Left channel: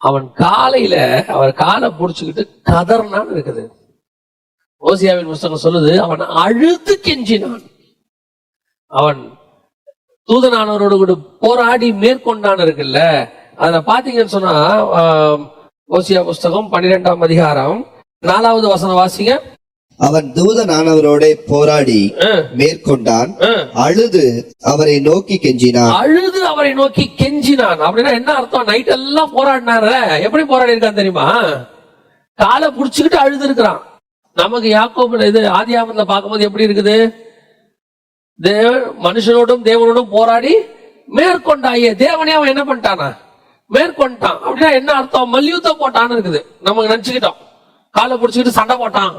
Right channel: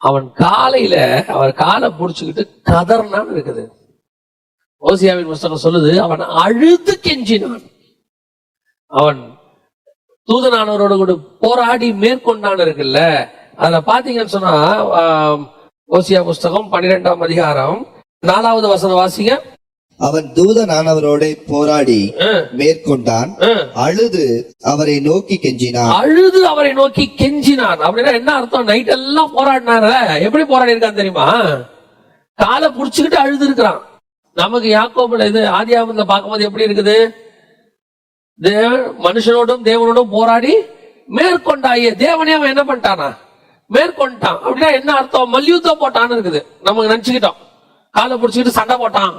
அவன் காலையில அவர் காலை புடிச்சுக்கிட்டு கதர்னான்னு இருக்குது. ஓசியாவின் புஸ்தகம் சொல்லுது, அவன் அழுது கெஞ்சினான். அவன் தூதனானவரோடு கூட போராடி மேற்கொண்டான் இருக்குல்ல. அதுல பாத்தீங்கன்னு சொன்னா ஓசியா புஸ்தகம் 12ஆம் அதிகாரம் 4வது வசனம் வாசிங்க. அவன் தூதனானவரோட போராடி மேற்கொண்டான், அழுது அவரை நோக்கி கெஞ்சினான். அழுது அவரை நோக்கி கெஞ்சினான் அப்படின்னா என்ன அர்த்தம்? நைட் எல்லாம் போராடினான. எப்படி போராடி இருக்கான் தெரியுமா? காலை புடிச்சுக்கிட்டு அழுது இருக்கிறான். நமக்கு யாக்கோபுல இது ஆதியாகமத்துல பார்க்கும்போது எப்படி இருக்குது? மனுஷனோடும் தேவனோடும் போராடி மேற்கொண்டாயே. தேவனே அவன் என்ன பண்ணிட்டானா? மேற்கொண்டான். அப்படின்னா என்ன அர்த்தம்? மல்யுத்தம் போட்டான்னு இருக்குது. நமக்கு நினைச்சுக்கிட்டோம் காலை புடிச்சுக்கிட்டு சண்டை போட்டான்,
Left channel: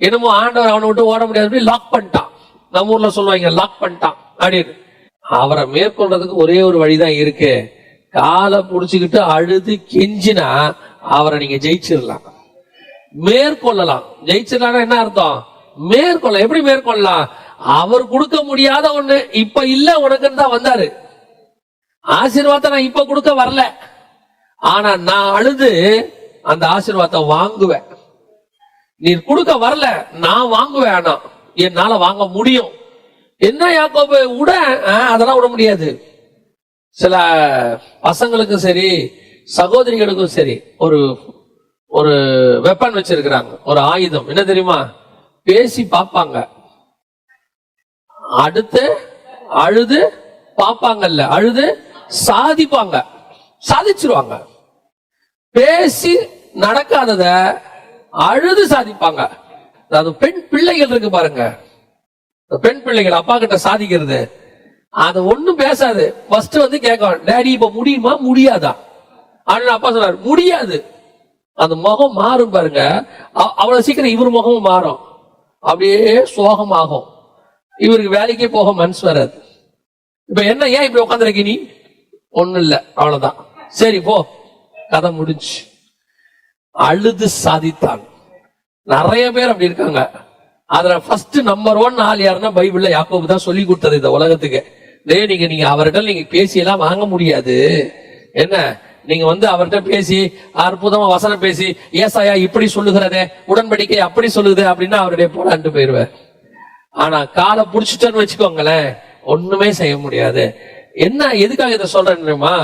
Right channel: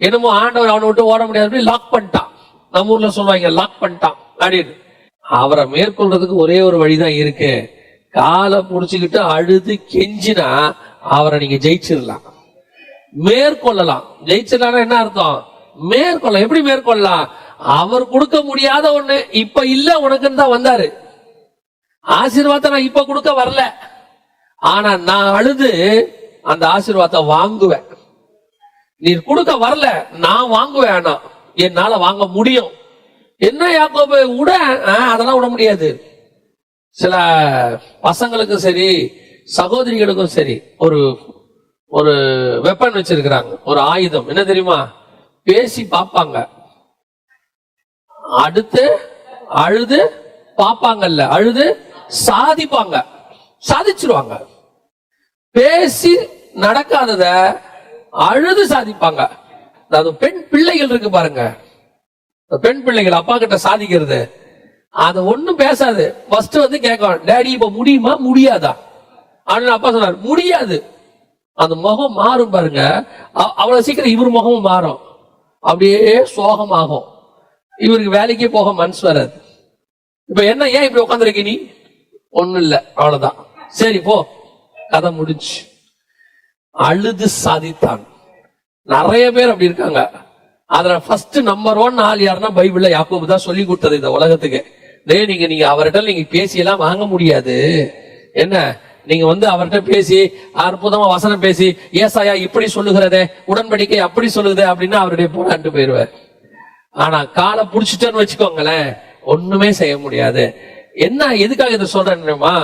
என்னமோ ஆண்டவர் அவனை விட்டு ஓட முடியாது, லாக் பண்ணிட்டான். நம்ம ஊர்ல சொல்லுவாங்க லாக் பண்ணிட்டான் அப்படின்னு. அவரை மேற்கொள்றதுக்கு ஒரே ஒரு வழிதான் இருக்கு. காலை புடிச்சுக்கிட்டு அழுது கெஞ்சினா அவரை நீங்க ஜெயிச்சிடலாம், மேற்கொள்ளலாம். ஜெயிச்சிடலாம் என்ன அர்த்தம்? மேற்கொள்ள. எப்படி மேற்கொள்ளலாம்? அவர் கொடுக்க முடியாத ஒண்ணு இப்ப இல்ல உனக்குன்னு தான் வந்தாரு. ஆசீர்வாதத்தை நான் இப்ப கொடுக்க வரல, ஆனா நான் அழுது அந்த ஆசீர்வாதத்தை வாங்குவேன். நீ கொடுக்க வரல, நான் வாங்குவேன். ஆனா என்னால வாங்க முடியும். என்ன யாக்கோபு விட? அதெல்லாம் விட முடியாது. சில பசங்களுக்கும் சரி சகோதரிகளுக்கும் சரி ஒரு ஒரு வெப்பன் வச்சிருக்கிறாங்க, ஒரு ஆயுதம். என்ன தெரியுமா? பேசி பார்ப்பாங்க, அடுத்து அழுது பார்ப்பாங்கல்ல, அழுது சாதிப்பாங்க, சாதிச்சிருவாங்க. பேசி நடக்காதத அழுது சாதிப்பாங்க. அதாவது பெண் பிள்ளைகள் இருக்கு பாருங்க, பெண் பிள்ளைகள் அப்பா கிட்ட சாதிக்கிறது, அது ஒண்ணும் பேசாது. ஃபர்ஸ்ட் வந்து கேட்கும், டேடி இப்ப முடியுமா முடியாதா அப்படின்னு. அப்பா சொன்னார் முடியாது. அந்த முகம் மாறும் பாருங்க, அவ்வளவு சீக்கிரம் இவர் முகமும் மாறும், அப்படியே சோகமாகும். இவருக்கு வேலைக்கே போக மனசு வராது. இப்ப என்ன, ஏன் இப்படி உட்காந்துருக்க நீ? ஒண்ணும் இல்ல, அவ்வளவுதான், சரி போ, கதை முடிஞ்சு. அழுது சாதித்தான். நிறைய பேர் அப்படி இருக்காங்க. அதுல ஃபர்ஸ்ட் நம்பர் 1 ஆள் யாருன்னா பைபிள்ல யாக்கோபு தான் சொல்லி கொடுத்தது இந்த உலகத்துக்கு. நீங்க அவர்கிட்ட நீங்க பேசி எல்லாம் வாங்க முடியாது. என்ன, நீங்க வந்து அவர்கிட்ட பேசி அற்புதமா வசனம் பேசி ஏசாயா இப்படி சொல்லுகிறதே, உடன்படிக்கை அப்படி சொல்லுது அப்படின்னா அவருடைய போராண்டு போயிருவார். ஆனா காலை புடிச்சிட்டோன்னு வச்சுக்கோங்களேன், ஒண்ணுமே செய்ய முடியாது. என்ன, எதுக்காக இதை சொல்றேன்னா,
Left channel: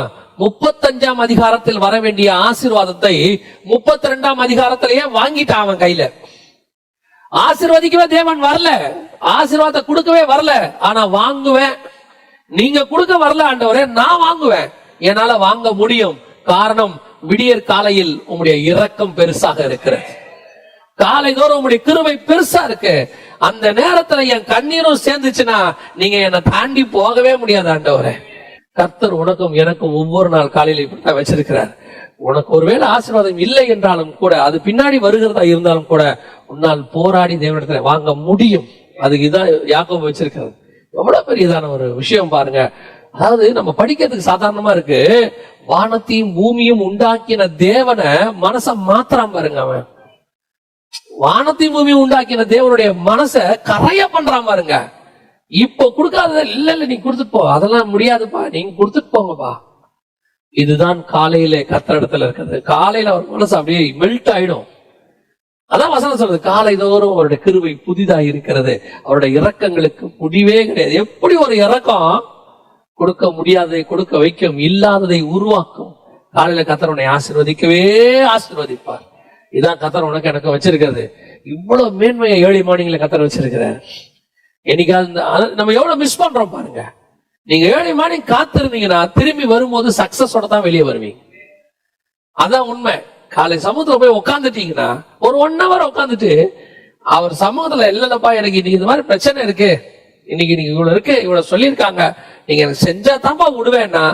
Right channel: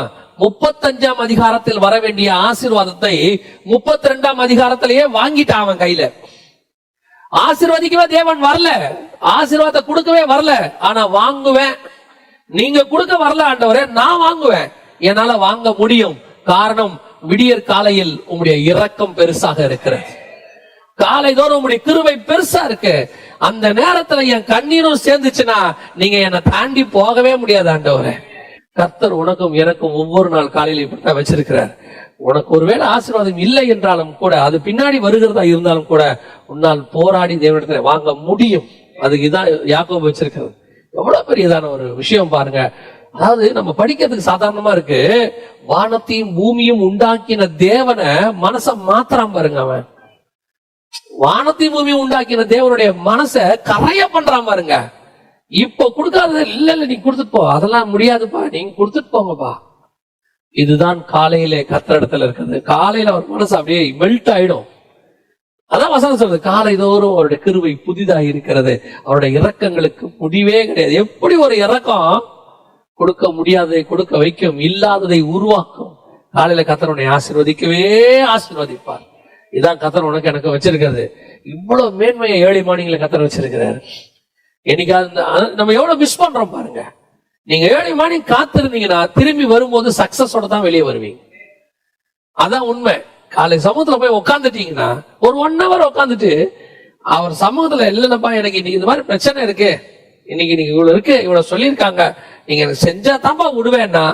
35ஆம் அதிகாரத்தில் வர வேண்டிய ஆசீர்வாதத்தை 32ஆம் அதிகாரத்திலேயே வாங்கிட்டான் அவன் கையில. ஆசீர்வதிக்கவே தேவன் வரல, ஆசீர்வாதத்தை கொடுக்கவே வரல, ஆனா வாங்குவேன். நீங்க கொடுக்க வரல ஆண்டவரே, நான் வாங்குவேன், என்னால வாங்க முடியும். காரணம், விடியற் காலையில் உங்களுடைய இரக்கம் பெருசாக இருக்கிறது, காலை தோறும் உங்களுடைய கிருபை பெருசா இருக்கு. அந்த நேரத்துல என் கண்ணீரும் சேர்ந்துச்சுன்னா நீங்க என்னை தாண்டி போகவே முடியாது ஆண்டவரே. கர்த்தர் உனக்கும் எனக்கும் ஒவ்வொரு நாள் காலையில இப்படித்தான் வச்சிருக்கிறார். உனக்கு ஒருவேளை ஆசீர்வாதம் இல்லை என்றாலும் கூட, அது பின்னாடி வருகிறதா இருந்தாலும் கூட, உன்னால் போராடி தேவனிடத்துல வாங்க முடியும். அதுக்கு இதான் யாக்கோபு வச்சிருக்கிறது. எவ்வளவு பெரியதான ஒரு விஷயம் பாருங்க. அதாவது நம்ம படிக்கிறதுக்கு சாதாரணமா இருக்கு. வானத்தையும் பூமியும் உண்டாக்கின தேவனை மனச மாத்திரம் பாருங்க. அவன் வானத்தையும் பூமியும் உண்டாக்கின தேவனுடைய மனச கரைய பண்றான் பாருங்க. இப்ப கொடுக்காத இல்ல, நீ கொடுத்துட்டு போ, அதெல்லாம் முடியாதுப்பா, நீங்க கொடுத்துட்டு போங்கப்பா. இதுதான் காலையில கர்த்தர் இடத்துல இருக்கிறது. காலையில அவர் மனசு அப்படியே மெல்ட் ஆயிடும். அதான் வசனம் சொல்றது, காலை தோறும் அவருடைய கிருபை புதிதாக இருக்கிறது, அவருடைய இரக்கங்களுக்கு முடிவே கிடையாது. எப்படி ஒரு இரக்கம் கொடுக்க முடியாததை கொடுக்க வைக்கும், இல்லாததை உருவாக்கும். காலையில கர்த்தர் ஆசீர்வதிக்கவே ஆசீர்வதிப்பார். இதான் கர்த்தர் உனக்கு எனக்கு வச்சிருக்கிறது. இவ்வளவு மேன்மையை ஏழை மார்னிங்ல கர்த்தர் வச்சிருக்கிறார். என்னைக்காவது நம்ம எவ்வளவு மிஸ் பண்றோம் பாருங்க. நீங்க ஏழை மார்னிங் காத்திருந்தீங்கன்னா திரும்பி வரும்போது சக்சஸோட தான் வெளியே வருவீங்க. அதான் உண்மை. காலை சமூகத்துல போய் உட்காந்துட்டீங்கன்னா ஒரு 1 hour உட்காந்துட்டு அவர் சமூகத்துல இல்லப்பா, எனக்கு இன்னைக்கு இந்த மாதிரி பிரச்சனை இருக்கு, இன்னைக்கு நீங்க இவ்வளவு இருக்கு, இவ்வளவு சொல்லியிருக்காங்க, நீங்க எனக்கு செஞ்சா தான்ப்பா விடுவேன்னா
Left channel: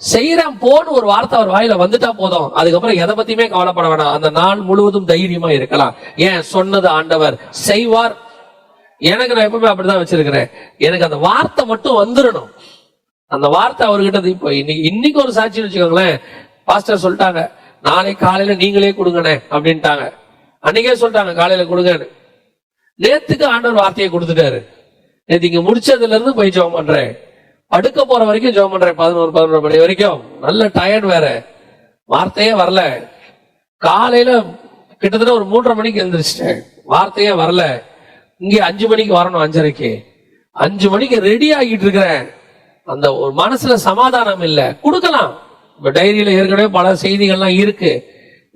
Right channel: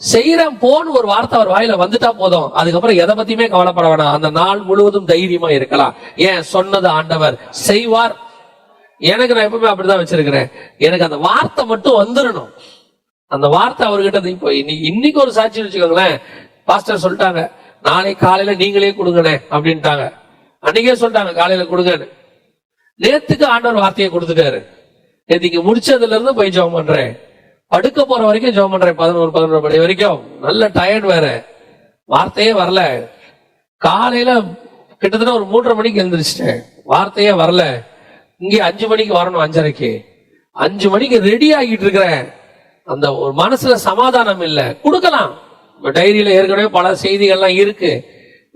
செய்யறேன் போன்னு ஒரு வார்த்தை அவர் வாயில வந்துட்டா போதும். அதுக்கப்புறம் எதை பத்தியுமே கவலைப்பட வேணாம். அந்த நாள் முழுவதும் தைரியமா இருக்கலாம். ஏன், சொன்னது ஆண்டவர் செய்வார். எனக்கு நான் எப்பவுமே அப்படிதான் வச்சிருக்கிறேன். எனக்கு அந்த வார்த்தை மட்டும் வந்துடணும். அந்த வார்த்தை அவர்கிட்ட இப்போ இன்னைக்கு ஒரு சாட்சி வச்சுக்கோங்களேன். பாஸ்டர் சொல்லிட்டாங்க, நாளைக்கு காலையில நீங்களே கொடுங்கண்ணே அப்படின்ட்டாங்க. அன்னைக்கே சொல்லிட்டாங்க காலையில கொடுங்கன்னு. நேத்துக்கு ஆண்டவர் வார்த்தையை கொடுத்துட்டாரு. நேற்று இங்க முடிச்சதுல இருந்து போய் ஜெபம் பண்றேன், படுக்க போற வரைக்கும் ஜெபம் பண்றேன், 11 மணி வரைக்கும். நல்ல டயர்ட் வேற. வார்த்தையே வரல. காலையில கிட்டத்தட்ட ஒரு 3:30 மணிக்கு எழுந்திரிச்சிட்டேன், வார்த்தையே வரல. இங்கே 5 மணிக்கு வரணும், 5:30க்கு. 5 மணிக்கு ரெடி ஆகிட்டு இருக்கிறேன். அந்த ஒரு மனசுல சமாதானம் இல்ல. கொடுக்கலாம், இப்ப டைரியில ஏற்கனவே பல செய்திகள்லாம் இருக்கு,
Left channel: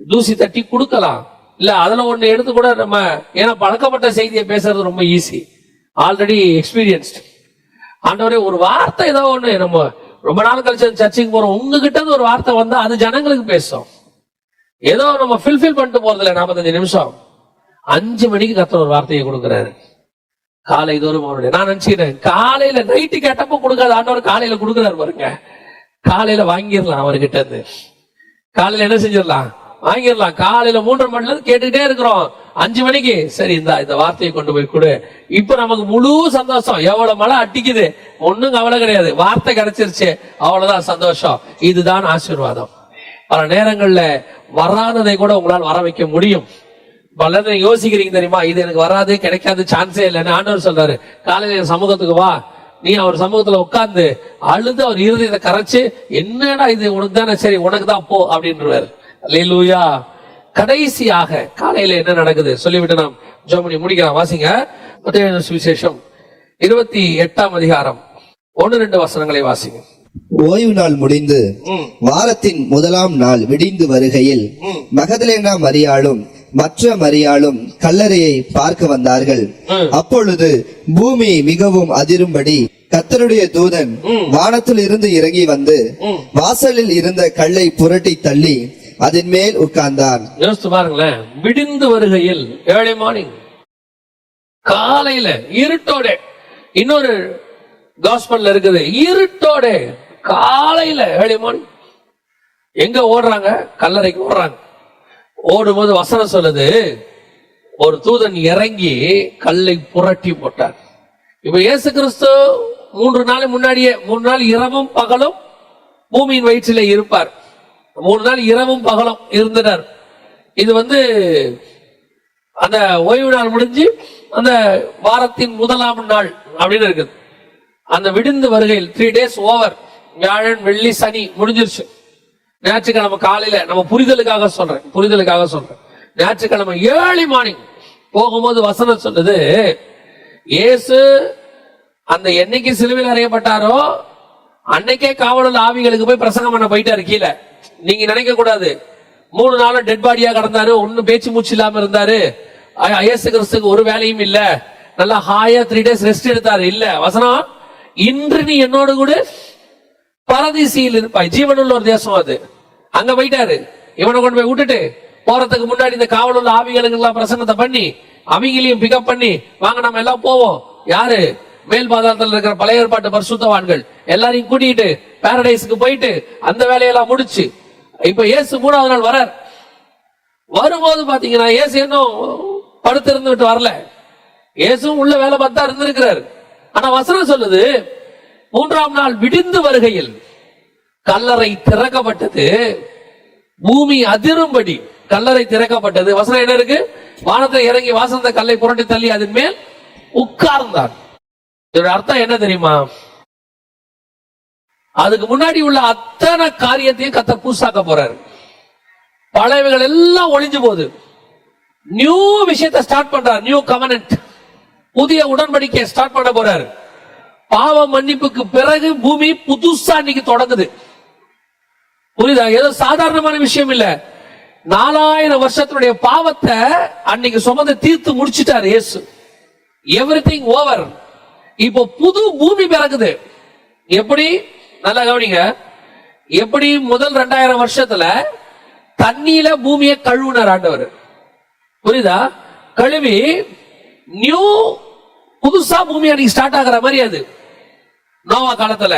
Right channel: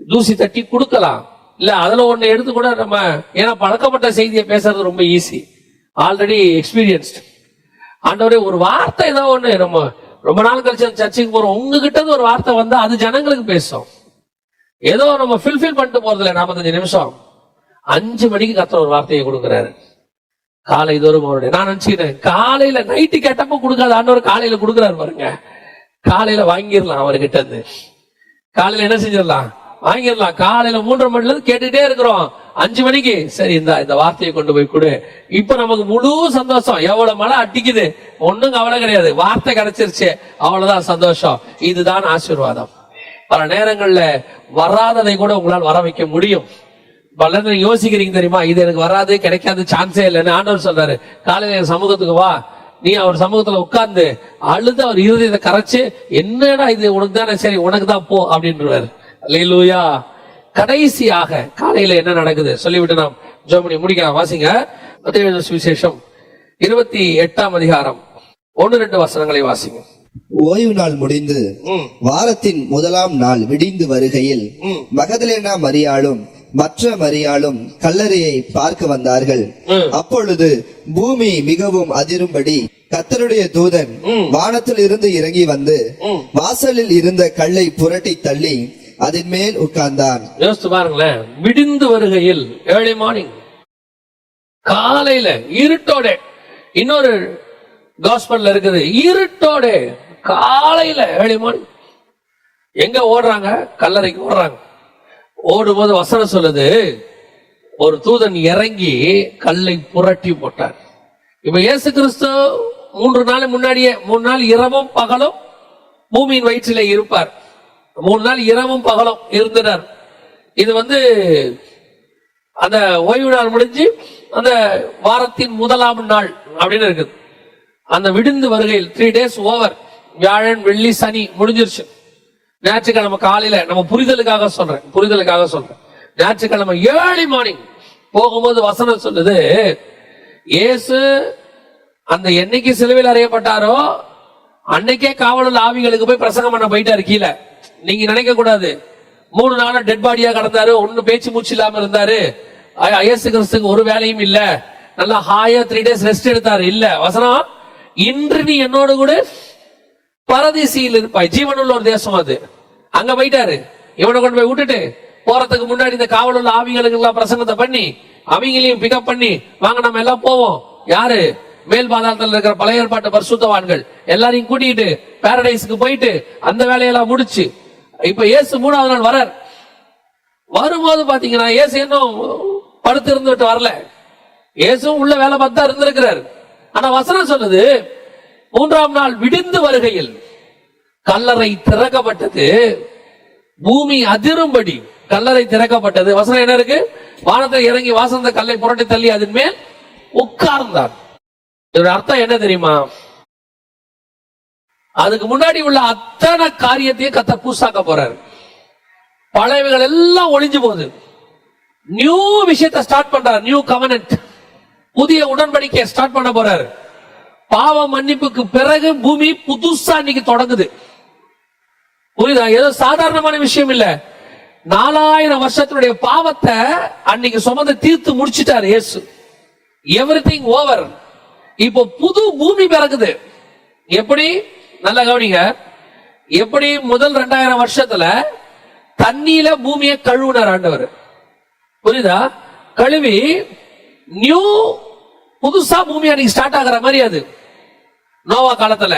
தூசி தட்டி கொடுக்கலாம். இல்ல அதுல ஒண்ணு எடுத்து கூட நம்ம, ஏன்னா பழக்கப்பட்ட செய்தியை பேசுறது ரொம்ப ஈஸி, ஆல்ரெடி எக்ஸ்பீரியன்ஸ்ட். ஆண்டவரே ஒரு வார்த்தை ஏதாவது ஒண்ணு, நம்ம ரொம்ப நாள் கழிச்சு சர்ச்சுக்கு போறோம், உங்ககிட்ட இருந்து ஒரு வார்த்தை வந்தா அது ஜனங்களுக்கு பேசும். ஏதோ நம்ம ஃபில்ஃபில் பண்ணிட்டு போறது இல்ல 45 நிமிஷம். 5 மணிக்கு கர்த்தர் ஒரு வார்த்தையை கொடுக்கிறாரு, காலை தோறும் அவருடைய. நான் நினைச்சுக்கிறேன் காலையில நைட்டு கேட்டப்ப கொடுக்காத ஆண்டவர் காலையில கொடுக்குறாரு பாருங்க. காலையில வாங்கிடலாம் அவர்கிட்ட இருந்து, காலையில என்ன செஞ்சிடலாம், வாங்கிடலாம். காலையில 3:30 மணில இருந்து கேட்டுக்கிட்டே இருக்கிறோம், 5 மணிக்கு சரி இந்த வார்த்தையை கொண்டு போய் கொடு. இப்ப நமக்கு முழு சந்தோஷம். எவ்வளவு மழை அடிக்குது, ஒண்ணும் கவலை கிடையாது, வார்த்தை கிடைச்சிருச்சு, அவ்வளவுதான் சந்தோஷம். இதுதான் ஆசீர்வாதம். பல நேரங்கள்ல வராததை கூட உங்களால் வர வைக்க முடியும். பல நேரம் யோசிக்கிறீங்க தெரியுமா, இது எனக்கு வராது, கிடைக்காது, சான்ஸே இல்லைன்னு. ஆண்டவர் சொல்றாரு, காலையில சமூகத்துக்கு வா, நீ அவர் சமூகத்துல உட்கார்ந்து அழுது அவர் இருதயத்தை கரைச்சு, என்னடா இது உனக்கு தானே, சரி உனக்கு தான் போ அப்படின்றாரு. அல்லேலூயா. கடைசியாக காலையில என்ன நடக்குது சொல்லிவிட்டு நாம் ஜெபம் முடிக்கலாம். வாசிங்க மத்தேயு சுவிசேஷம் 28ஆம் அதிகாரம் 1-2 வசனங்களை வாசிங்க. ஓய்வு நாள் முடிந்து வாரத்தின் முதலாம் நாள் விடிந்து வருகையில் மகதலேனா மரியாளும் மற்ற மரியாளும் கல்லறையை பார்க்க வந்தார்கள். அப்பொழுது பூமி மிகவும் அதிரும்படி கர்த்தருடைய தூதன் வானத்தில் இருந்து இறங்கி வந்து வாசலில் இருந்த கல்லை புரட்டி தள்ளி அதன் மேல் உட்கார்ந்தார். யோசித்து பாருங்களேன், விடிந்து வருகையில், ஏர்லி மார்னிங், காலையில இருட்டோட. இன்னொரு காஸ்பல்ல இருக்குது, இருட்டோட காலையில ஏர்லி மார்னிங். எங்க ஓடுறாங்க, கல்லறைக்கு ஓடுறாங்க. ஓடும்போது வசனம் சொல்லுது, ஒரு தூதன் இறங்கி கல்லை புரட்டி போட்டார். இப்ப இயேசு கிறிஸ்து 3 நாள் முன்னாடியே, 3 நாள் இரவும் பகலும் பூமியின் வயிற்றிலே இருப்பார். 3 நாள் இரவும் பகலும் இருந்துட்டார். இது அந்த ஓய்வு நாள் முடிஞ்சு அந்த வாரத்தின் முதலாம் நாள் அப்படின்னு இருக்குது. அந்த விடிந்து வருகையில் 3 days ஓவர், வியாழன் வெள்ளி சனி முடிஞ்சிருச்சு. ஞாயிற்றுக்கிழமை காலையில, நம்ம புரிதலுக்காக சொல்றேன், ஞாயிற்றுக்கிழமை ஏர்லி மார்னிங் போகும்போது வசனம் சொல்லுது, இயேசு அந்த என்னைக்கு சிலுவையில் அறையப்பட்டாரோ அன்னைக்கே காவலர் ஆவிகளுக்கு போய் பிரசங்கம் பண்ண போயிட்டாரு கீழே. நீங்க நினைக்க கூடாது 3 நாள் டெட் பாடியா கடந்தாரு, ஒன்னும் பேச்சு மூச்சு இல்லாம இருந்தாரு, இயேசு கிறிஸ்துக்கு ஒரு வேலையும் இல்ல, நல்லா ஹாயா 3 days ரெஸ்ட் எடுத்தாரு. இல்ல, வசனம், இன்று நீ என்னோடு கூட பரதீசியில் இருப்பாய். ஜீவனுள்ள ஒரு தேசம் அது. அங்க போயிட்டாரு. இவனை கொண்டு போய் விட்டுட்டு போறதுக்கு முன்னாடி இந்த காவலுள்ள ஆவிகளுக்கு எல்லாம் பிரசங்கத்தை பண்ணி அவங்களையும் பிக்கப் பண்ணி, வாங்க நம்ம எல்லாம் போவோம். யாரு? மேல் பாதாளத்தில் இருக்கிற பழைய ஏற்பாட்டு பரிசுத்தவான்கள் எல்லாரையும் கூட்டிட்டு பாரடைஸ்க்கு போயிட்டு அந்த வேலையெல்லாம் முடிச்சு, இப்ப இயேசு 3ஆவது நாள் வரார். வரும்போது பாத்தீங்கன்னா இயேசு இன்னும் படுத்து இருந்துட்டு வரல, இயேசு உள்ள வேலை பார்த்தா இருந்திருக்கிறார். ஆனா வசனம் சொல்லுது, 3ஆம் நாள் விடிந்து வருகையில் கல்லறை திறக்கப்பட்டது, பூமி அதிரும்படி கல்லறை திறக்கப்பட்டது. வசனம் என்ன இருக்கு? வானத்தை இறங்கி வாசந்த கல்லை புரட்டி தள்ளி அதன் மேல் உட்கார்ந்தார். இதோட அர்த்தம் என்ன தெரியுமா? அதுக்கு முன்னாடி உள்ள அத்தனை காரியத்தையும் கர்த்தர் புதுசாக்க போறாரு. பழையவைகள் எல்லாம் ஒளிஞ்சு போகுது, நியூ விஷயத்தை ஸ்டார்ட் பண்றார். நியூ கவர்னன்ட், புதிய உடன்படிக்கை ஸ்டார்ட் பண்ண போறாரு. பாவ மன்னிப்புக்கு பிறகு பூமி புதுசா இன்னைக்கு தொடங்குது. புரியுதா? ஏதோ சாதாரணமான விஷயம் இல்ல. 4000 வருஷத்தினுடைய பாவத்தை அன்னைக்கு சுமந்து தீர்த்து முடிச்சிட்டாரு இயேசு. Everything over. இப்போ புது பூமி பிறகுது. எப்படி? நல்லா கவனிங்க. எப்படி முதல் 2000 வருஷத்துல தண்ணியில பூமியை கழுவுனார் ஆண்டவர். புரியுதா? கழுவி நியூ புதுசா பூமி அன்னைக்கு ஸ்டார்ட் ஆகிற மாதிரி. அது நோவா காலத்துல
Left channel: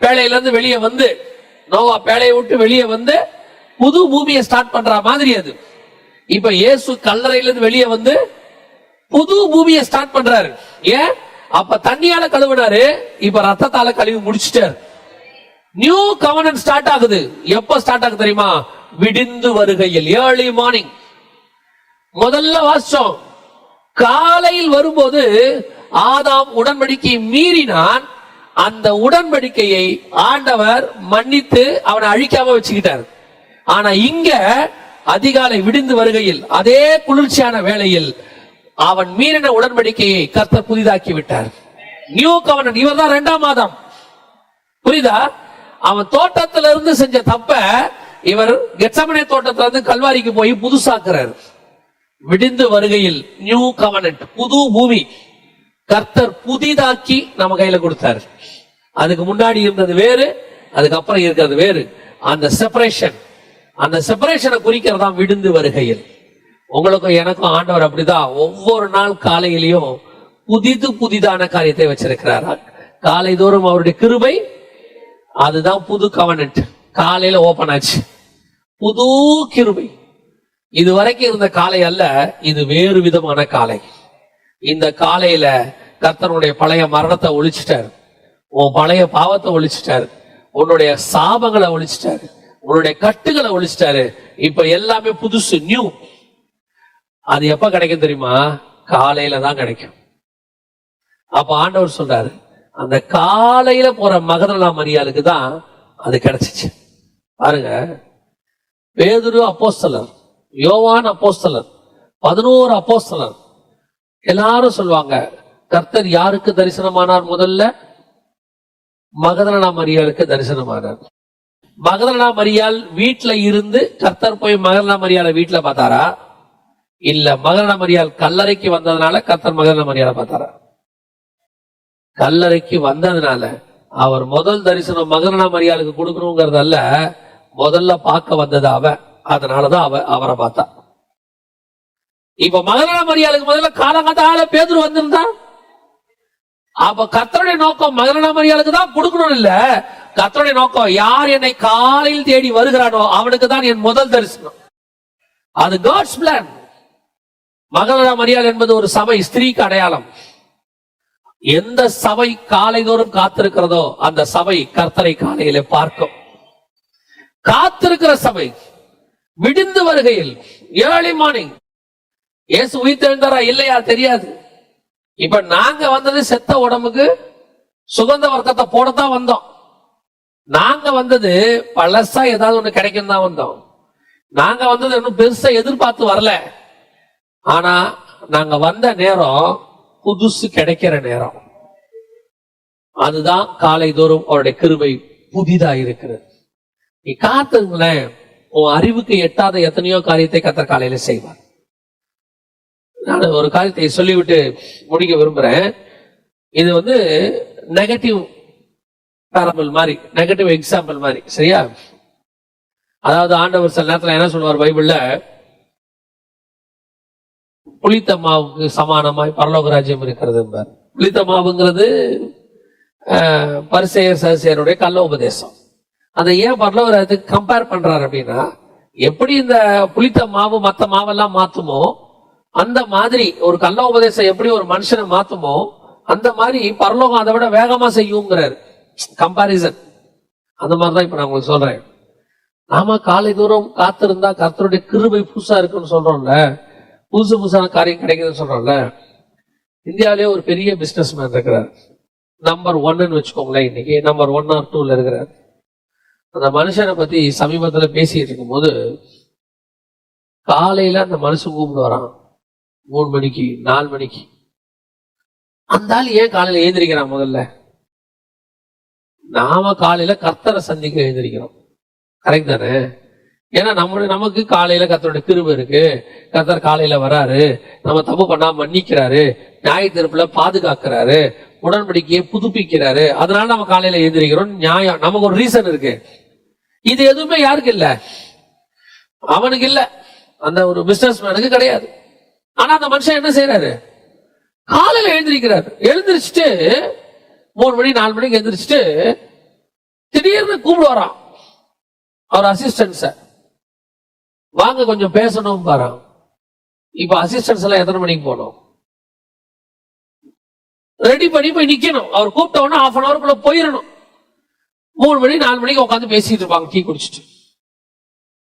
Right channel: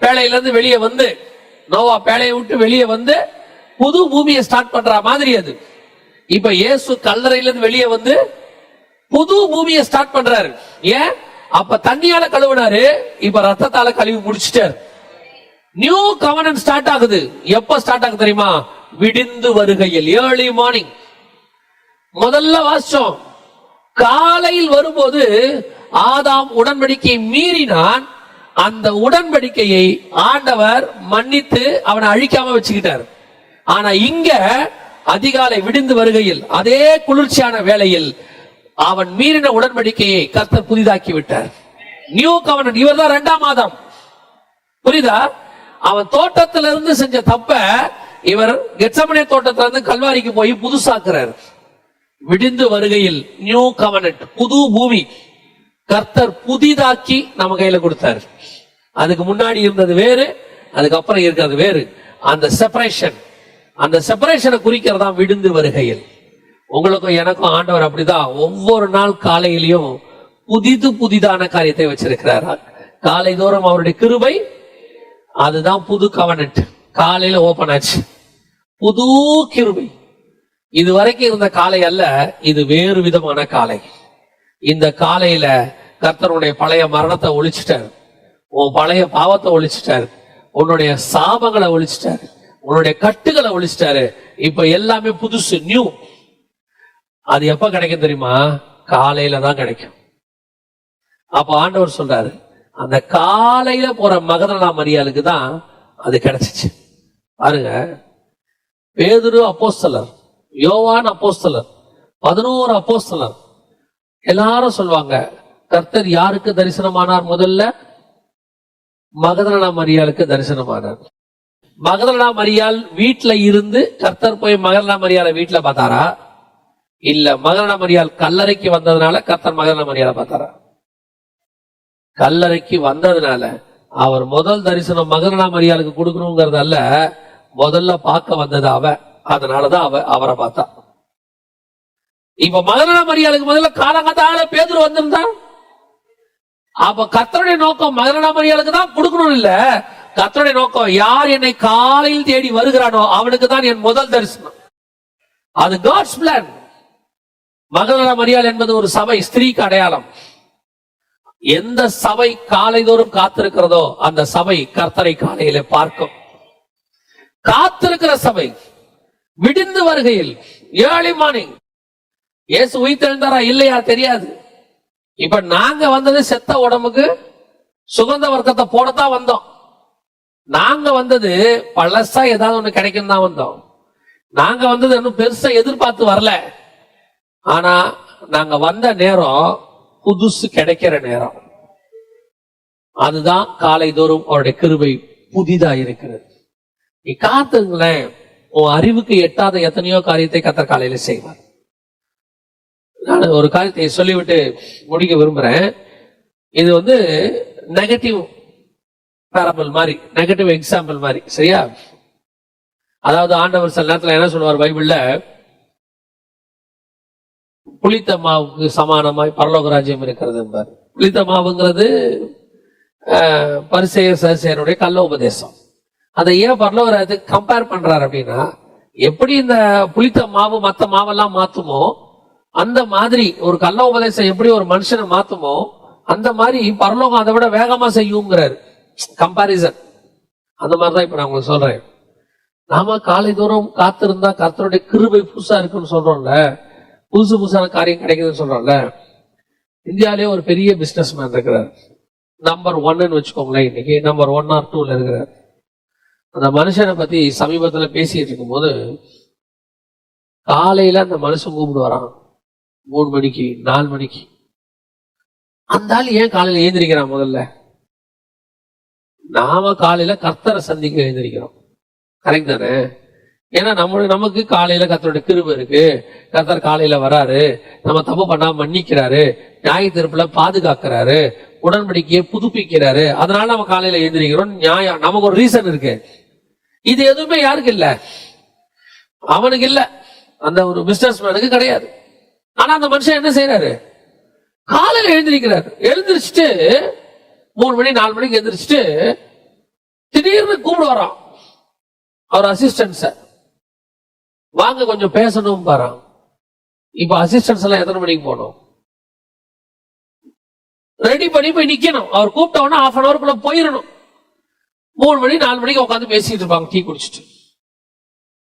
பேழையில இருந்து வெளியே வந்து, நோவா பேழையை விட்டு வெளியே வந்து புது பூமியை ஸ்டார்ட் பண்ற மாதிரி அது. இப்ப இயேசு கல்லறையில இருந்து வெளியே வந்து புது பூமியை ஸ்டார்ட் பண்றாரு. ஏன்? அப்ப தண்ணியால கழுவினாரு, இப்ப ரத்தத்தால கழுவி முடிச்சிட்டாரு. நியூ கவர்னன்ட் ஸ்டார்ட் ஆகுது. எப்ப ஸ்டார்ட் ஆகுது தெரியுமா? விடிந்து வருகையில், ஏர்லி மார்னிங். முதல்ல வாசிச்சோம், காலையில் வரும்போது ஆதாம் உடன்படிக்கையை மீறினான். அந்த உடன்படிக்கையை ஆண்டவர் மன்னித்து அவனை அழிக்காம வச்சுக்கிட்டார். ஆனா இங்க அதிகாலை விடிந்து வருகையில் அதே குளிர்ச்சியான வேளையில் அவன் மீறின உடன்படிக்கையை கர்த்தர் புதிதாக்கி விட்டார். நியூ கவர்னன்ட். இவர் தான் 2ஆம் ஆதாம். புரியுதா? அவன் தோட்டத்தில இருந்து செஞ்ச தப்ப இவர் கெத்செமனே தோட்டத்துல இருந்து கல்வாரிக்கு போய் புதுசாக்குறார். விடிந்து வருகையில் நியூ கவர்னன்ட், புது பூமி கர்த்தர் புதிதாக்கி நம்ம கையில கொடுத்தாரு. அதுக்கு முன்னாடி இருந்தது வேறு, அதுக்கப்புறம் இருக்கிறது வேறு. அந்த செப்பரேஷனை குறிக்கிறதா விடிந்து வருகையில். உங்களுக்கும் எனக்கும் ஆண்டவர் அப்படிதான் ஒவ்வொரு நாள் காலையிலையும் புதிதான காரியத்தை வச்சிருக்கிறார். காலை தோறும் அவருடைய கிருபை, அதுதான் புது கவர்னன்ட். காலையில ஓபன் ஆச்சு புது கிருபை. இதுவரைக்கும் இருந்த காலை அல்ல, இது வேறு விதமான காலை. இந்த காலையில கர்த்தருடைய பழைய மரணத்தை ஒழிச்சிட்டாரு, உன் பழைய பாவத்தை ஒழிச்சிட்டாரு, உன்னுடைய சாபங்களை ஒழிச்சிட்டாரு, உன்னுடைய கட்டுகளை ஒழிச்சிட்டாரு. இப்ப எல்லாமே புதுசு, நியூ. அது எப்ப கிடைக்கும் தெரியுமா? காலையில தான் கிடைக்கும். அப்ப ஆண்டவர் சொல்றாரு, அந்த காலையில போற மகதலேனா மரியாளுக்கு தான் அது கிடைச்சிச்சு. பாருங்க, பேதுரு அப்போஸ்தலர், யோவான் அப்போஸ்தலர், 11 அப்போஸ்தலர் எல்லாரும் சொல்லுவாங்க, கர்த்தர் யாருக்கு தரிசனமானார்? முதல்ல மகதலேனா மரியாளுக்கு தரிசனமானார். மகதலேனா மரியாள் வீட்டுல இருந்து கர்த்தர் போய் மகதலேனா மரியாளை வீட்டுல பார்த்தாரா? இல்ல மகதலேனா மரியாள் கல்லறைக்கு வந்ததுனால கர்த்தர் மகதலேனா மரியாளை பார்த்தாரா? கல்லறைக்கு வந்ததுனால அவர் முதல் தரிசனம் மகதலேனா மரியாளுக்கு கொடுக்கணுங்கிறதல்ல, முதல்ல பார்க்க வந்தது அதனாலதான் அவரை பார்த்தா. இப்ப மகதலேனா மரியாளுக்கு முதல்ல காலங்காத்தால பேதுரு வந்திருந்தா, அப்ப கர்த்தருடைய நோக்கம் மகதலேனா மரியாளுக்கு தான் கொடுக்கணும் இல்ல. கர்த்தருடைய நோக்கம், யார் என்னை காலையில் தேடி வருகிறானோ அவனுக்கு தான் என் முதல் தரிசனம். அது காட்ஸ் பிளான். மகதலேனா மரியாள் என்பது ஒரு சபை, ஸ்திரீக்கு அடையாளம். எந்த சபை காலைதோறும் காத்திருக்கிறதோ அந்த சபை கர்த்தரை காலையில பார்க்கும். காத்திருக்கிற சபை விடிந்து வருகையில், ஏர்லி மார்னிங். இயேசு உயிர்த்தெழுந்தாரா இல்லையா தெரியாது. இப்ப நாங்க வந்தது செத்த உடம்புக்கு சுகந்த வர்க்கத்தை போடத்தான் வந்தோம். நாங்க வந்தது பழசா ஏதாவது ஒண்ணு கிடைக்கும் தான் வந்தோம். நாங்க வந்தது இன்னும் பெருசா எதிர்பார்த்து வரல. ஆனா நாங்க வந்த நேரம் புதுசு கிடைக்கிற நேரம். அதுதான் காலை தோறும் அவருடைய கிருபை புதிதா இருக்கிறது. நீ காத்துங்களேன், உன் அறிவுக்கு எட்டாத எத்தனையோ காரியத்தை கர்த்தர் காலையில செய்வார். நான் ஒரு காரியத்தை சொல்லிவிட்டு முடிக்க விரும்புறேன். இது நெகட்டிவ் பேரபிள் மாதிரி, நெகட்டிவ் எக்ஸாம்பிள் மாதிரி, சரியா? அதாவது ஆண்டவர் சில நேரத்துல என்ன சொல்லுவார் பைபிள்ல, புளித்த மாவுக்கு சமானமாய் பரலோக ராஜ்யம் இருக்கிறது என்பார். புளித்த மாவுங்கிறது பரிசேயர் சதுசேயருடைய கள்ள உபதேசம். அதை ஏன் பரலோக ராஜ்யத்துக்கு கம்பேர் பண்றாரு அப்படின்னா, எப்படி இந்த புளித்த மாவு மத்த மாவெல்லாம் மாத்துமோ அந்த மாதிரி ஒரு கள்ள உபதேசம் எப்படி ஒரு மனுஷனை மாத்துமோ அந்த மாதிரி பரலோகம் அதை விட வேகமா செய்யுங்கிறாரு. கம்பாரிசன். அந்த மாதிரிதான் இப்ப நான் உங்களுக்கு சொல்றேன். நாம காலை தூரம் காத்திருந்தா கர்த்தருடைய கிருபை புதுசா இருக்குன்னு சொல்றோம்ல, புதுசான காரியம் கிடைக்குதுன்னு சொல்றோம்ல. இந்தியாவிலேயே ஒரு பெரிய பிசினஸ் மேன் இருக்கிறார், நம்பர் 1 வச்சுக்கோங்களேன். இன்னைக்கு நம்பர் 1 or 2 இருக்கிறார். அந்த மனுஷனை பத்தி சமீபத்துல பேசிட்டு இருக்கும் போது, காலையில அந்த மனுஷன் கூப்பிட்டு வரான் 3 மணிக்கு 4 மணிக்கு. அந்த ஆள் ஏன் காலையில எழுந்திருக்கிறான்? முதல்ல நாம காலையில கர்த்தரை சந்திக்க எழுந்திருக்கிறோம், கரெக்ட் தானே? ஏன்னா நமக்கு காலையில கர்த்தருடைய கிருபை இருக்கு, கர்த்தர் காலையில வராரு, நம்ம தப்பு பண்ணாம மன்னிக்கிறாரு, நியாய தீர்ப்புல பாதுகாக்கிறாரு, உடன்படிக்கையை புதுப்பிக்கிறாரு, அதனால நம்ம காலையில எழுந்திருக்கிறோம். நியாயம், நமக்கு ஒரு ரீசன் இருக்கு. இது எதுவுமே யாருக்கு இல்ல? அவனுக்கு இல்ல, அந்த ஒரு பிசினஸ் மேனுக்கு கிடையாது. ஆனா அந்த மனுஷன் என்ன செய்யறாரு? காலையில எழுந்திருக்கிறாரு. எழுந்திரிச்சுட்டு 3 மணி 4 மணிக்கு எழுந்திரிச்சுட்டு திடீர்னு கூப்பிட வரான் அவர் அசிஸ்டன்ஸ, வாங்க கொஞ்சம் பேசணும் பாரான். இப்ப அசிஸ்டன்ஸ் எல்லாம் எத்தனை மணிக்கு போனோம்? ரெடி பண்ணி போய் நிக்கணும். அவர் கூப்பிட்ட உடனே 1/2 hour போயிடணும். 3 மணி 4 மணிக்கு உட்காந்து பேசிட்டு இருப்பாங்க டீ குடிச்சிட்டு.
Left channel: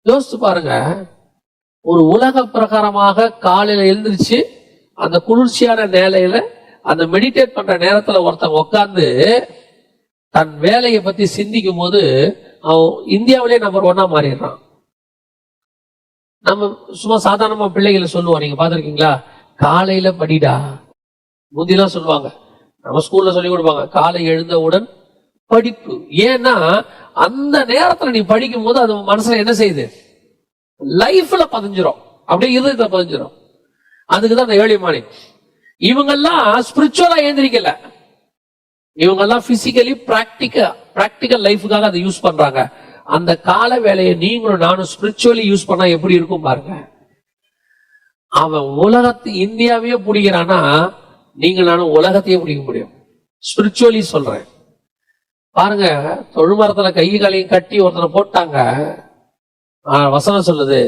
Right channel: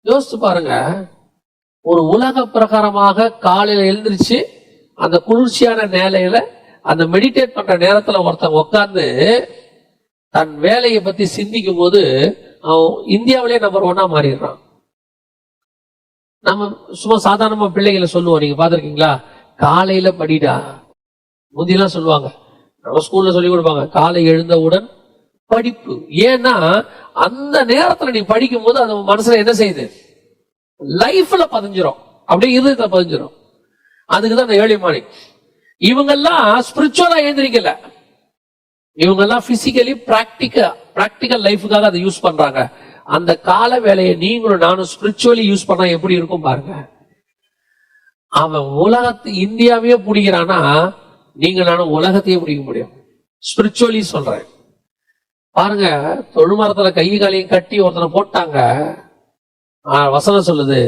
யோசிச்சு பாருங்க, ஒரு உலக பிரகாரமாக காலையில எழுந்திருச்சு அந்த குளிர்ச்சியான நிலையில அந்த மெடிடேட் பண்ற நேரத்துல ஒருத்தன் உட்காந்து தன் வேலையை பத்தி சிந்திக்கும் போது அவன் இந்தியாவிலேயே நம்பர் 1 மாறிடுறான். நம்ம சும்மா சாதாரணமா பிள்ளைகளை சொல்லுவோம், நீங்க பாத்திருக்கீங்களா? காலையில படிடா. முந்திலாம் சொல்லுவாங்க, நம்ம ஸ்கூல்ல சொல்லி கொடுப்பாங்க, காலை எழுந்தவுடன் படிப்பு. ஏன்னா அந்த நேரத்துல நீ படிக்கும் போது அது மனசுல என்ன செய்யுது? லைஃப்ல பதிஞ்சிரும், அப்படியே இருதயத்துல பதிஞ்சிரும். அதுக்குதான் அந்த ஏர்லி மார்னிங். இவங்கெல்லாம் ஸ்பிரிச்சுவலா எழுந்திரிக்கல, இவங்கெல்லாம் பிசிக்கலி பிராக்டிக்கல் லைஃபுக்காக அதை யூஸ் பண்றாங்க. அந்த கால வேலையை நீங்களும் நானும் ஸ்பிரிச்சுவலி யூஸ் பண்ணா எப்படி இருக்கும் பாருங்க. அவன் இந்தியாவையே பிடிக்கிறான்னா நீங்க நானும் உலகத்தையே பிடிக்க முடியும். ஸ்பிரிச்சுவலி சொல்றேன் பாருங்க. தொழுமரத்துல கை காலையும் கட்டி ஒருத்தனை போட்டாங்க. வசனம் சொல்லுது,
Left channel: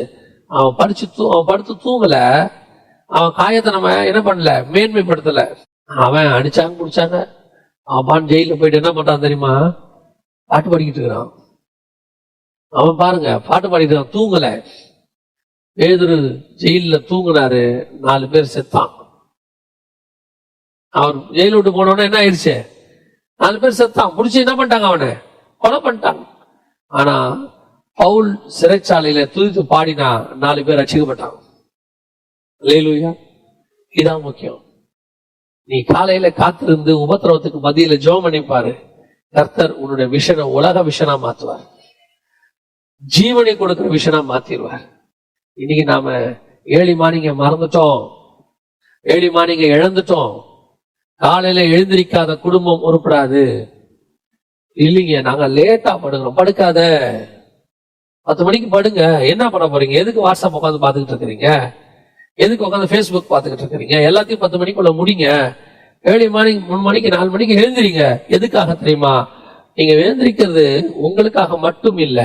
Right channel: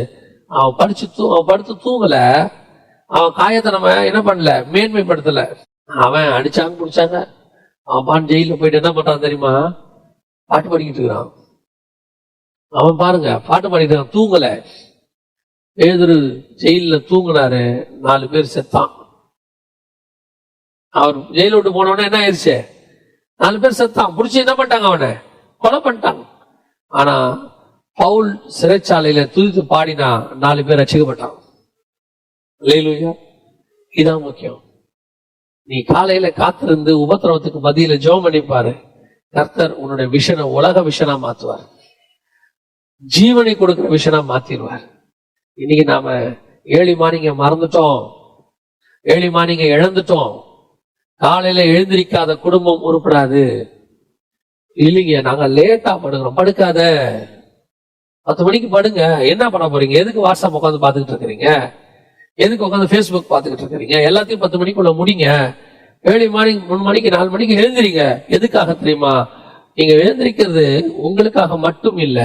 அவன் படுத்து தூங்கல, அவன் காயத்தை நம்ம என்ன பண்ணல, மேன்மைப்படுத்தல. அவன் அடிச்சாங்க பிடிச்சாங்க. அவன் ஜெயில போயிட்டு என்ன பண்றான் தெரியுமா? பாட்டு பாடிக்கிட்டு இருக்கிறான். அவன் பாருங்க பாட்டு பாடிட்டு தூங்கல. பேதுரு ஜெயில தூங்கினாரு, 4 பேர் செத்தான். அவர் ஜெயில விட்டு போனோன்னா என்ன ஆயிடுச்சு? 4 பேர் செத்தான். புடிச்சு என்ன பண்ணிட்டாங்க? அவனை கொலை பண்ணிட்டாங்க. ஆனா பவுல் சிறைச்சாலையில துதித்து பாடினா 4 பேர் ரட்சிக்கப்பட்டான். அல்லேலூயா. இதான் முக்கியம். நீ காலையில காத்திருந்து உபத்திரவத்துக்கு மத்தியில ஜெபம் பண்ணி பாரு. கர்த்தர் உன்னுடைய விஷனை உலக விஷனா மாத்துவார், ஜீவனை கொடுக்கிற விஷனா மாத்திடுவார். இன்னைக்கு நாம ஏர்லி மார்னிங்க மறந்துட்டோம், ஏர்லி மார்னிங்க இழந்துட்டோம். காலையில எழுந்திருக்காத குடும்பம் உருப்படாது. இல்லைங்க, நாங்க லேட்டா படுக்கிறோம். படுக்காத, 10 மணிக்கு படுங்க. என்ன பண்ண போறீங்க? எதுக்கு வாட்ஸ்அப் உட்காந்து பாத்துக்கிட்டு இருக்கிறீங்க? எதுக்கு உட்காந்து பேஸ்புக் பாத்துக்கிட்டு இருக்கிறீங்க? எல்லாத்தையும் 10 மணிக்குள்ள முடிங்க. ஏர்லி மார்னிங் 3 மணிக்கு 4 மணிக்கு எழுந்திரிங்க. எதுக்காக தெரியுமா? நீங்க எழுந்திருக்கிறது உங்களுக்காக மட்டும் இல்ல,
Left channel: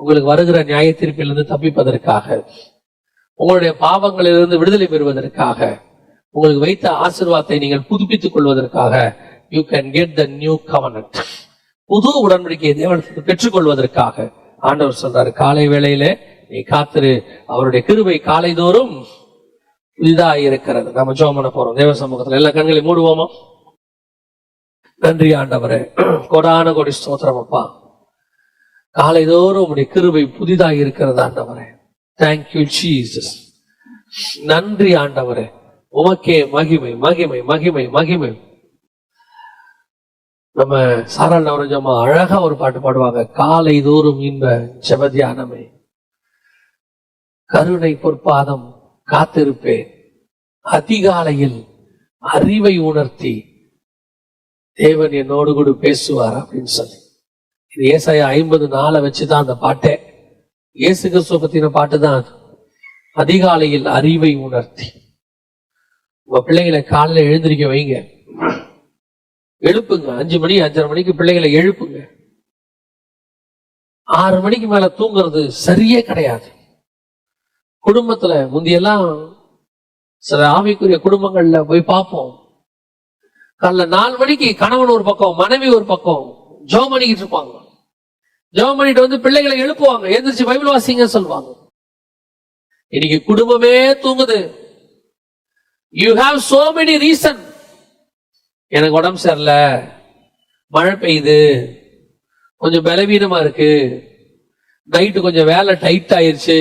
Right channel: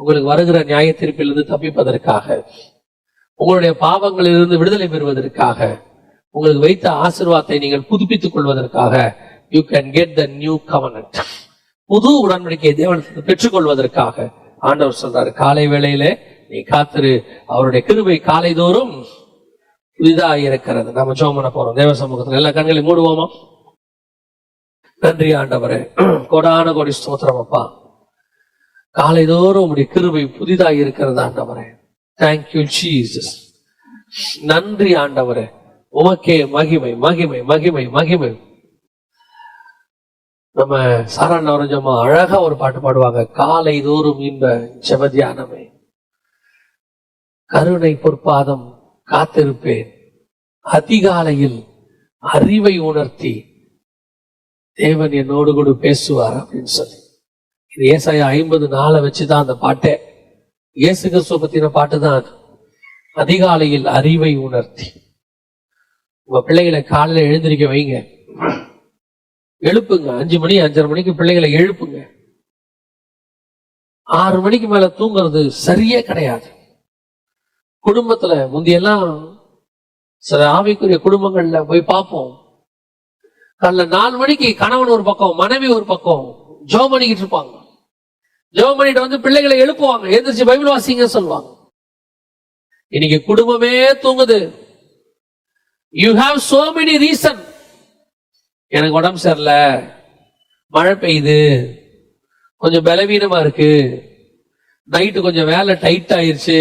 உங்களுக்கு வருகிற நியாய தீர்ப்பிலிருந்து தப்பிப்பதற்காக, உங்களுடைய பாவங்களிலிருந்து விடுதலை பெறுவதற்காக, உங்களுக்கு வைத்த ஆசீர்வாதத்தை நீங்கள் புதுப்பித்துக் கொள்வதற்காக. You can get the new கவர்னன்ட். புது உடன்படிக்கையை தேவனுக்கு பெற்றுக்கொள்வதற்காக ஆண்டவர் சொல்றாரு, காலை வேளையிலே நீ காத்திரு, அவருடைய கிருபை காலை தோறும் புதிதாக இருக்கிறது. நம்ம ஜெபம் பண்ண போறோம் தேவ சமூகத்துல. எல்லா கண்களை மூடுவோமா? நன்றி ஆண்டவரே, கொடான கொடி ஸ்தோத்திரம் அப்பா. காலை தோறும் உடைய கிருபை புதிதாக இருக்கிறது ஆண்டவரே. Thank you Jesus. நன்றி ஆண்டவரே, உமக்கே மகிமை மகிமை மகிமை மகிமை. நம்ம சாராள் நவரஞ்சமா அழகா ஒரு பாட்டு பாடுவாங்க, காலை தோறும் இன்ப செவதியானமே, கருணை பொற்பாதம் காத்திருப்பேன், அதிகாலையில் அறிவை உணர்த்தி தேவன் என்னோடு கூட பேசுவார் அப்படின்னு சொல்லி. இது ஏசாயா 50:4 வச்சுதான் அந்த பாட்டே. இயேசு கிறிஸ்துவ பத்தின பாட்டு தான் அது. அதிகாலையில் அறிவை உணர்த்தி. உங்க பிள்ளைகளை காலையில எழுந்திருக்க வைங்க, எழுப்புங்க. 5 மணி 5:30 மணிக்கு பிள்ளைகளை எழுப்புங்க. 6 மணிக்கு மேல தூங்குறது சரியே கிடையாது. குடும்பத்துல முந்தியெல்லாம் சில ஆவிக்குரிய குடும்பங்கள்ல போய் பார்ப்போம், காலைல 4 மணிக்கு கணவன் ஒரு பக்கம் மனைவி ஒரு பக்கம் ஜெபம் பண்ணிக்கிட்டு இருப்பாங்க. ஜெபம் பண்ணிட்டு வந்து பிள்ளைகளை எழுப்புவாங்க, எந்திரிச்சு பைபிள் வாசிங்க சொல்லுவாங்க. இன்னைக்கு குடும்பமே தூங்குது. You have so many reason. எனக்கு உடம்பு சரியில்ல, மழை பெய்யுது, கொஞ்சம் பலவீனமா இருக்கு, நைட்டு கொஞ்சம் வேலை டைட் ஆயிருச்சு.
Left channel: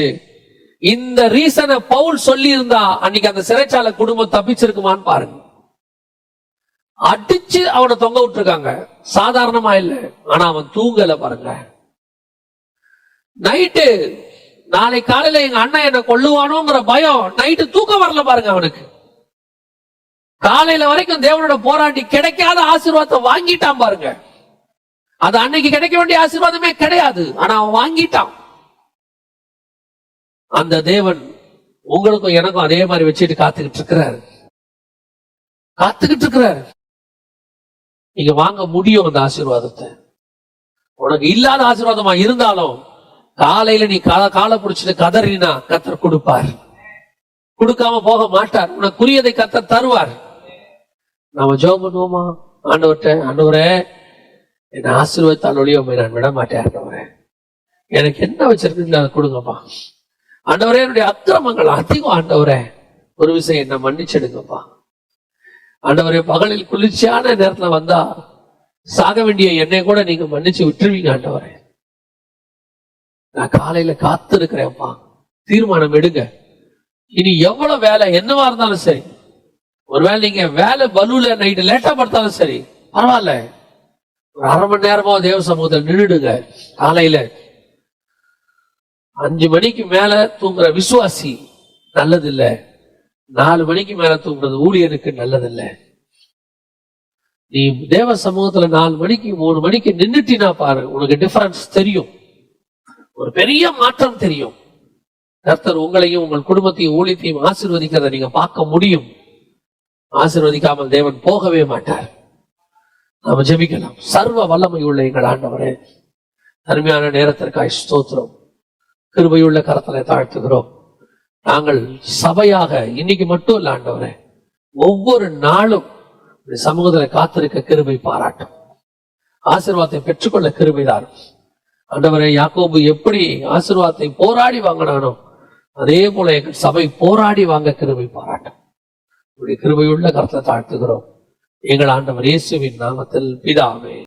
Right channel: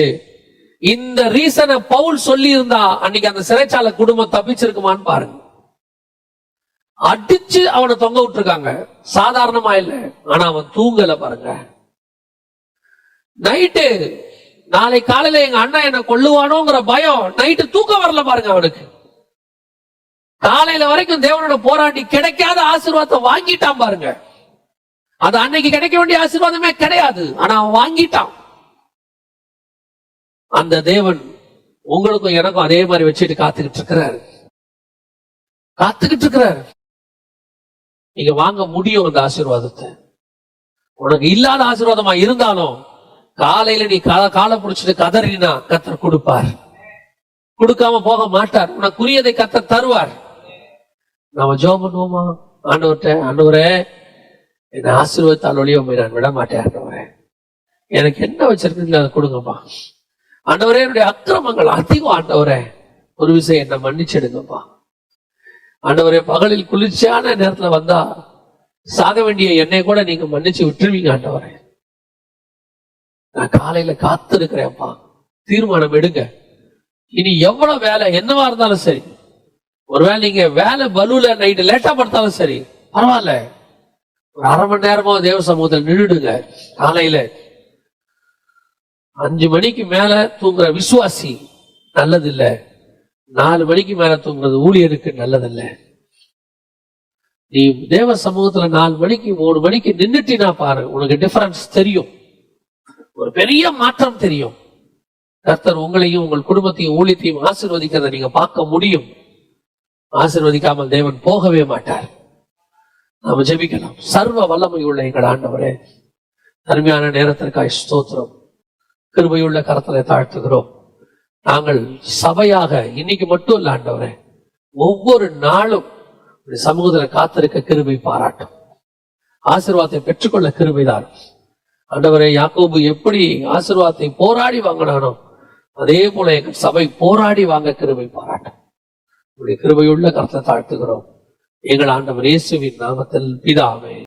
இந்த ரீசனை பவுல் சொல்லி இருந்தா அன்னைக்கு அந்த சிறைச்சாலை குடும்பம் தப்பிச்சிருக்குமான்னு பாருங்க. அடிச்சு அவனை தொங்க விட்டுருக்காங்க, சாதாரணமா இல்ல. ஆனா அவன் தூங்கல பாருங்க. நைட்டு நாளை காலையில எங்க அண்ணா என்ன கொல்லுவானோங்கிற பயம், நைட்டு தூக்கம் வரல பாருங்க அவனுக்கு. காலையில வரைக்கும் தேவனோட போராடி கிடைக்காத ஆசீர்வாதத்தை வாங்கிட்டான் பாருங்க. அது அன்னைக்கு கிடைக்க வேண்டிய ஆசீர்வாதமே கிடையாது, ஆனா அவன் வாங்கிட்டான். அந்த தேவன் உங்களுக்கும் எனக்கும் அதே மாதிரி வச்சுட்டு காத்துக்கிட்டு இருக்கிறாரு, காத்துக்கிட்டு இருக்கிறாரு. நீங்க வாங்க முடியும் அந்த ஆசீர்வாதத்தை. உனக்கு இல்லாத ஆசீர்வாதமா இருந்தாலும் காலையில நீ காலை பிடிச்சிட்டு கதறினா கர்த்தர் கொடுப்பார், கொடுக்காம போக மாட்டார். உனக்குரியதை கர்த்தர் தருவார். நாம ஜெபம் பண்ணுவோமா? ஆண்டவர்கிட்ட, ஆண்டவரே என்ன ஆசீர்வாதத்தால் ஒழிய நான் விட மாட்டேன். ஆண்டவரே எனக்கு என்ன வச்சிருக்கீங்களா அதை கொடுங்கப்பா. ஆண்டவரே என்னுடைய அக்கிரமங்கள் அதிகம், ஆண்டவரே ஒரு விஷயம் என்ன மன்னிச்சிடுங்கப்பா. ஆண்டவரே பகலில் குளிர்ச்சியான நேரத்துல வந்தா சாக வேண்டிய என்னை கூட நீங்க மன்னிச்சு விட்டுருவீங்க. ஆண்டவரே நான் காலையில காத்து இருக்கிறேன்ப்பா, தீர்மானம் எடுங்க. இனி எவ்வளவு வேலை என்னவா இருந்தாலும் சரி, ஒருவேளை நீங்க வேலை பலுல நைட்டு லேட்டா படுத்தாலும் சரி பரவாயில்ல, ஒரு அரை மணி நேரமா தேவ சமூகத்தில் நின்றுடுங்க. காலையில 5 மணிக்கு மேல தூங்குற விசுவாசி நல்லதில்ல, 4 மணிக்கு மேல தூங்குறது ஊழியருக்கு நல்லதில்ல. நீ தேவ சமூகத்துல 4 மணிக்கு 3 மணிக்கு நின்னுட்டினா பாரு, உனக்கு டிஃபரன்ஸ் தெரியும், ஒரு பெரிய மாற்றம் தெரியும். கர்த்தர் உங்களையும் உங்கள் குடும்பத்தையும் ஊழியத்தையும் ஆசீர்வதிக்கிறத நீங்க பார்க்க முடியும். ஆசீர்வதிக்காமல் தேவன் போகவே மாட்டார். நாம ஜெபிக்கலாம். சர்வ வல்லமை உள்ள எங்கள் ஆண்டவரே, அருமையான நேரத்திற்காய் ஸ்தோத்திரம். கிருபையுள்ள கரத்திலே தாழ்த்துகிறோம். நாங்கள் சபையாக இன்னைக்கு மட்டும் இல்ல ஆண்டவரே, ஒவ்வொரு நாளும் சமூகத்தில் காத்திருக்க கிருபை பாராட்டும். ஆசீர்வாதத்தை பெற்றுக்கொள்ள கிருபைதான் ஆண்டவரே. யாக்கோபு எப்படி ஆசீர்வாதத்தை போராடி வாங்கினானோ அதே போல எங்கள் சபை போராடி வாங்க கிருபை பாராட்டும். கிருபையுள்ள கரத்தை தாழ்த்துகிறோம் எங்கள் ஆண்டவர் இயேசுவின் நாமத்தில் பிதாவே.